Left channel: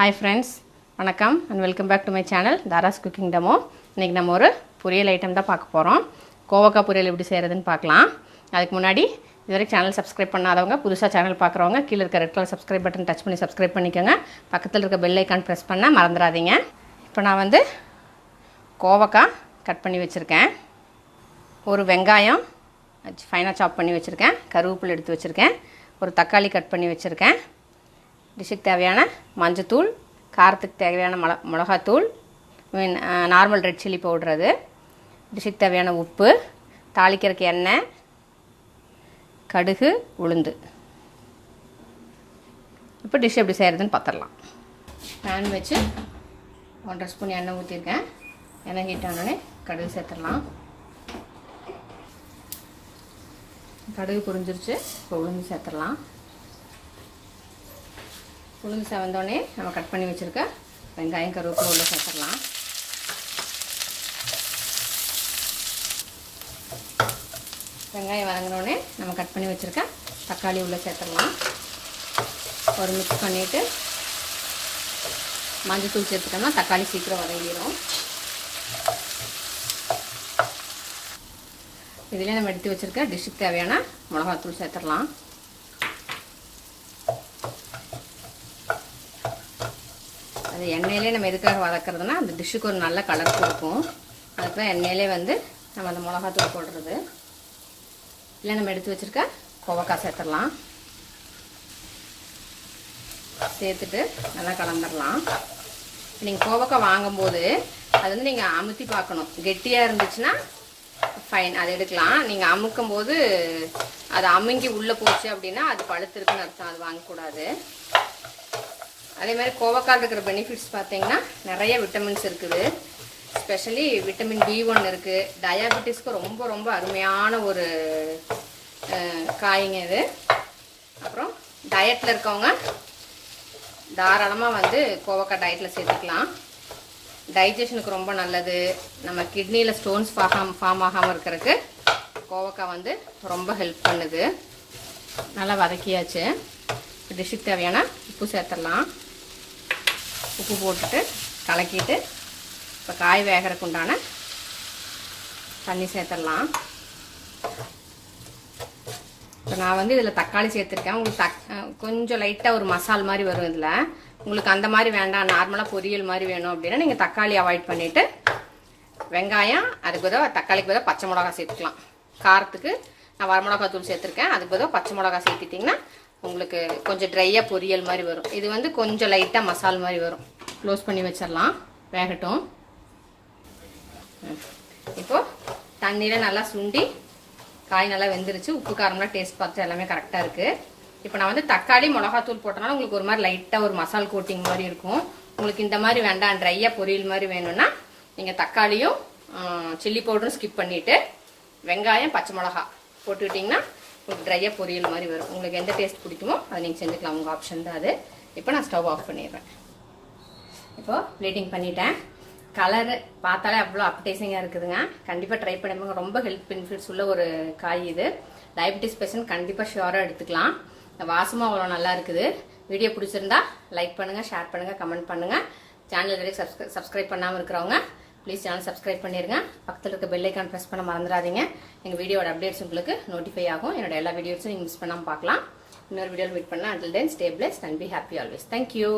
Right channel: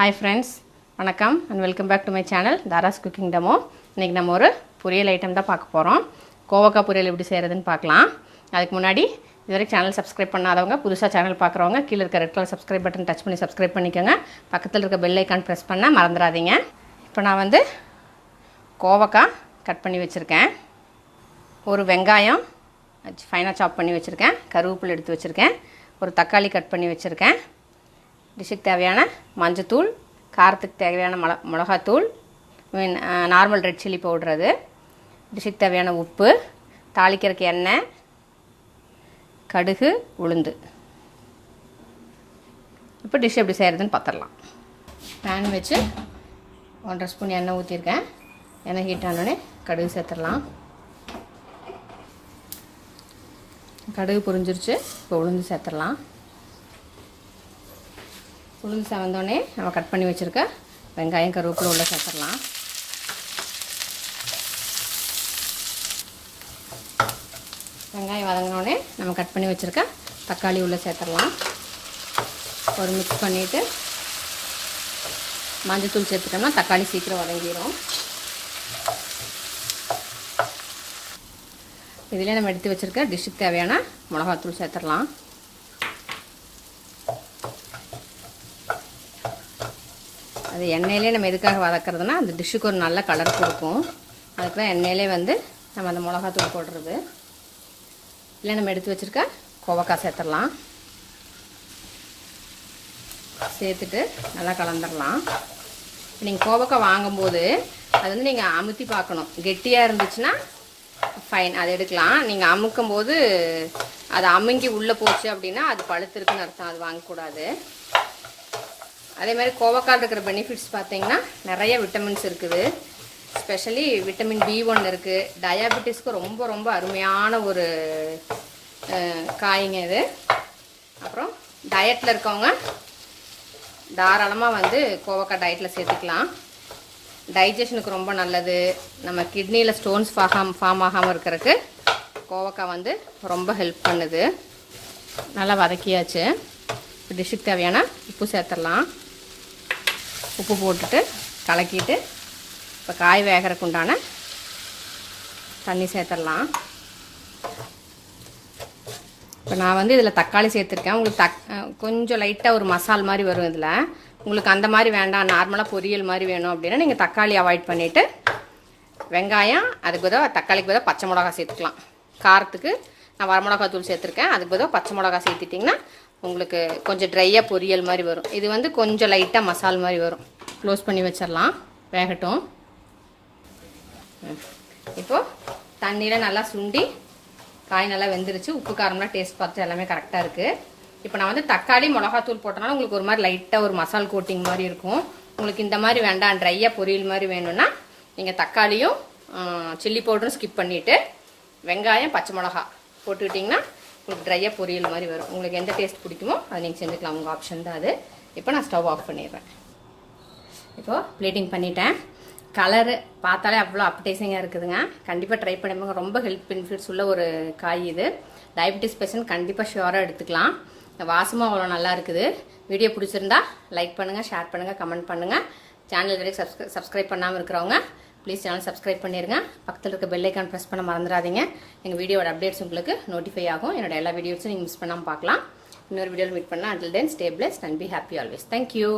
Hi friends, வணக்கம் and welcome back to my channel Dhara's cooking demo. இன்னைக்கு நம்ம ஒரு பொரியல் ஐட்டம் தான் பார்க்க போறோம். கோவக்காய் பொரியல் எப்படி செய்யறதுன்னு பார்க்கலாம். அதுக்கு முன்னாடி இதுவரைக்கும் சேனல் சப்ஸ்கிரைப் பண்ணாதவங்க, புதுசா சேனல் பார்க்கறவங்க கீழ இருக்க red colour subscribe button touch பண்ணி சப்ஸ்கிரைப் பண்ணிக்கங்க. பக்கத்துல இருக்க பெல் ஐகான் பிரஸ் பண்ண மறந்துடாதீங்க. இப்போ நான் வந்து கோவக்காய் கட் பண்ணி வச்சிருக்கேன். ஒரு வெங்காயம் ஃபைனா சாப் பண்ணி வச்சிருக்கேன். கருவேப்பிலை எடுத்து வச்சிருக்கேன். ஒரு தக்காளி கட் பண்ணி வச்சிருக்கேன். டிஷ்ஷுக்கு தேவையான மஞ்சத்தூள், காரத்துக்கு தேவையான மிளகாத்தூள், நார்மல் ரெட் சில்லி பவுடர், அது டிஷ்ஷுக்கு தேவையான உப்பு, தாளிக்கிறதுக்கு எண்ணெய், கடுகு, உளுந்து. இப்போ டிஷ் எப்படி செய்கிறதுன்னு பார்த்துடலாம். பேன் வச்சு 1.5 ஸ்பூன் எண்ணெய் ஊற்றிருக்கேன். எண்ணெய் ஹீட் ஆனோடனே கடுகு சேர்த்துடலாம். கடுகு புரிஞ்சிருச்சு. இப்போ உளுந்து சேர்த்துடலாம். உளுந்து செவந்தோடனே நம்ம கட் பண்ணி வச்சுருக்க வெங்காயம் கருவேப்பிலை உள்ள சேர்த்துடலாம். வெங்காயம் வதங்கினோடனே நம்ம கட் பண்ணி வச்சுருக்க தக்காளி உள்ள சேர்த்துடலாம். ஒரு மிக்ஸ் பண்ணிவிட்டு மஞ்சத்தூள் சேர்த்துட்டோம்னா தக்காளி சீக்கிரம் வதங்கிடும். இதிலே நம்ம எடுத்து வச்சுருக்க டிஷ்ஷுக்கு தேவையான மிளகாத்தூள் சேர்த்துடலாம். அது எண்ணெயிலே நம்ம எதுக்காக வதக்கிறதுனா அந்த டிஷ்ஷுக்கு ஒரு நல்ல கலர் கொடுக்கும். அதுக்கு தான் எண்ணெயிலே வந்து நம்ம அந்த மிளகாத்தூள் போடுறது. இல்லை நம்ம எடுத்து வச்சுருக்க கோவக்காய் சேர்த்துடலாம். சேர்த்துட்டு நல்லா கலந்துடலாம். நீங்கள் கோவக்காய் வாங்கும்போது அது வந்து நீங்கள் அமுத்தி பார்க்கணும். கெட்டியாக இருந்துச்சுன்னா ஃபைன், அதை எடுக்கலாம். நீங்கள் அமுக்கும் போது அது அமுங்கி உள்ளே போச்சு அப்படின்னா அது பழுத்திருக்குன்னு அர்த்தம், அது வாங்கக்கூடாது. அதே மாதிரி கோவக்காய் இருக்கிற பெனிஃபிட்ஸ் பார்த்தீங்கன்னா நிறைய விட்டமின்ஸ் இருக்குது. ஸ்பெஷலி விட்டமின் B1 இருக்குது. டயாபெட்டிஸ்க்கு ரொம்ப ரொம்ப அருமையான ஒரு காய்ங்க இது. அப்புறம் டயட்டில் இருக்கவங்க தாராளமாக வந்து கோவக்காய் டயட்டில் சேர்த்துக்கலாம். டைஜஷனுக்கு ரொம்ப நல்லது. நம்ம கிட்னியில் ஸ்டோன்ஸ் ஃபார்ம் ஆகாமல் இருக்கிறதுக்கு கோவக்காய் வந்து ரொம்ப ஹெல்ப் பண்ணுது. நல்லா வதக்கியாச்சு. டிஷ்ஷுக்கு தேவையான உப்பு சேர்த்துடலாம். உப்பு போட்டுட்டு கலக்கிட்டு இப்போ காய் வேகிறதுக்கு உண்டான தண்ணி சேர்த்துடலாம். இப்போ நான் வந்து இதில் தக்காளி சேர்த்துருக்கேன். உங்களுக்கு கொஞ்சம் லைட்டாக ஒரு மசால் மாதிரி வரும். இதில் உங்களுக்கு அந்த மாதிரி வேண்டாம், நார்மலாக பொரியல் மாதிரி வேணும் அப்படின்னா நீங்கள் தக்காளி அவாய்ட் பண்ணிவிட்டு வெங்காயம், அதுக்கு பதிலாக தக்காளிக்கு பதிலாக பச்சை மிளகா சேர்த்துக்கலாம். காரத்துக்கு நான் வரமிளகாய் தூள் சேர்த்துருக்கேன். அதுக்கு பதிலாக பச்சை மிளகா சேர்த்துட்டிங்கன்னா உங்களுக்கு கொஞ்சம் ட்ரையாக பொரியல் மாதிரி வரும். இது வந்து கொஞ்சம் லைட்டாக மசால் மாதிரி வரும். க்ளோஸ் பண்ணி வச்சிடலாம், வேகட்டும். இப்போது தண்ணியில் நல்லா சுண்டி காய் நல்லா வெந்துருச்சு. உப்பு காரம்லாம் டேஸ்ட் பார்த்து எல்லாமே கரெக்டாக இருக்குது. இப்போ நான் வந்து தக்காளி மிளகாத்தூள் போட்டனால உங்களுக்கு ஒரு மாதிரி லைட்டாக ஒரு மசால் கோட்டிங் மாதிரி இருக்கும். உங்களுக்கு இந்த மாதிரி வேண்டாம், ட்ரையாக பொரியல் மாதிரி வேணும்னா நீங்கள் தக்காளியும் சில்லி பவுடரும் ஸ்கிப் பண்ணிவிட்டு வெங்காயம் பச்சை மிளகா போட்டுக்கிட்டிங்கன்னா உங்களுக்கு ட்ரையாக பொரியல் மாதிரி வரும். உங்களுக்கு எந்த டேஸ்ட் பிடிக்குமோ அதை நீங்கள் செஞ்சுக்கலாம், உங்கள் ஆப்ஷன் தான் அது. இப்போ நான் ஸ்டவ் ஆஃப் பண்ணிடுறேன். இப்போது பிளேட்டிங் பண்ணிட்டேன். கலரு பார்த்தாலே அவ்வளோ அப்டைசிங்காக இருக்குதுங்க. கண்டிப்பாக ட்ரை பண்ணுங்க. ரொம்ப ஹெல்த் பெனிஃபிட்ஸ் உள்ள ஒரு காய் இது. டயபெட்டிஸ் பேஷண்ட் கண்டிப்பாக ஷுவராக எடுத்துக்கலாம். வாசமும் அவ்வளோ நல்லா இருக்குது. வீடியோ பிடிச்சிருந்தா லைக் பண்ணுங்கள், ஷேர் பண்ணுங்கள், கமெண்ட் பண்ணுங்கள். சேனல் வரைக்கும் சப்ஸ்கிரைப் பண்ணாமல் இருக்கிறவங்க ப்ளீஸ் சேனல் சப்ஸ்கிரைப் பண்ணிடுங்க. பக்கத்தில் இருக்க பெல் ஐக்கான் ப்ரெஸ் பண்ண மறந்துடாதீங்க. எங்கள் வீடியோட அப்டேட்ஸ் உங்களுக்கு நோட்டிஃபை ஆகும். என்னோட எல்லா வீடியோஸும் நீங்கள் மிஸ் பண்ணாமல் பார்க்கலாம். இன்னொரு வீடியோவில் மீட் பண்ணலாம். until then stay blessed and be happy always. Thank you.